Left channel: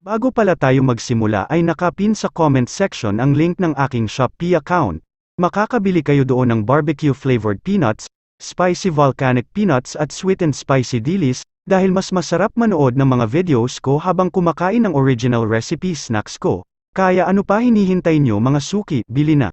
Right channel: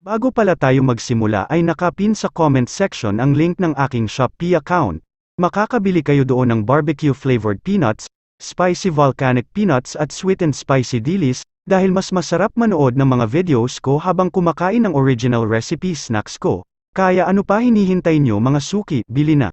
Bago pala tayo magsimula ay nakapin sa comment section ang link ng aking Shopee account. Makakabili kayo doon ng barbecue flavored peanuts, spicy volcanic peanuts at sweet and spicy dilis, dahil mas masarap manood ng mga videos ko habang kumakain ng original recipe snacks ko. Kaya ano pa hinihintay nyo mga suki, bili na.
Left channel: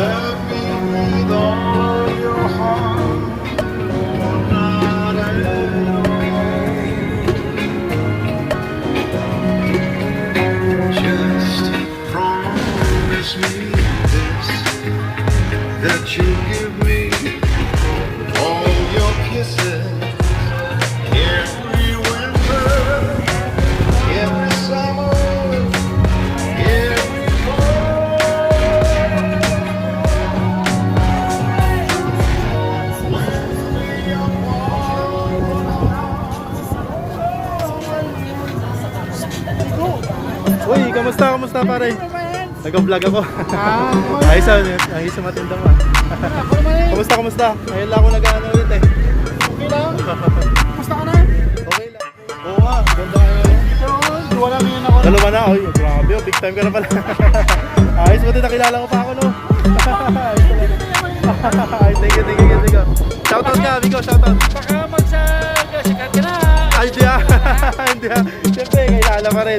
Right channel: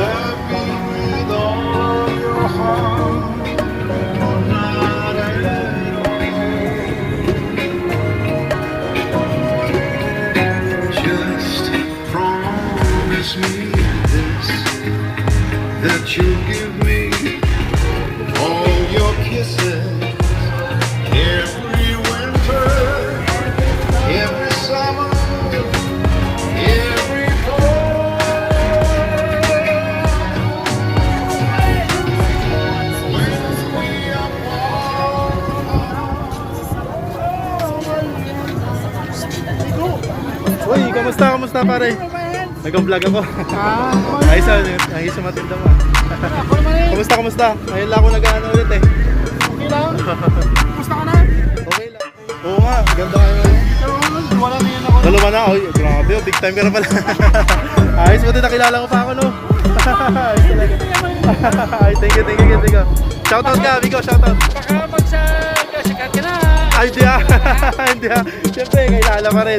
Love me with all your heart, or not at all. Just promise me this, that you give me all your kisses every winter, every summer, every fall. Uy, kamusta pare? Nag-vlog ako. Ayos sa matinda mo. Kamusta? Ngayon lang ako nag-ano ulit eh. Okay lang? Gusto ka na? Okay lang. Oo nga, ganda ka na. Wala na yun ako. Dalawa na, oy, grabe, big time ka na pala. Ayos, buti nakilala ko pa ako, no? Ayos talaga. Ay, thank you. Shoutout ka, amigo, shoutout. Baka magsasikat ka na. Ay, hindi ah. Siyempre, kailangan pa rin.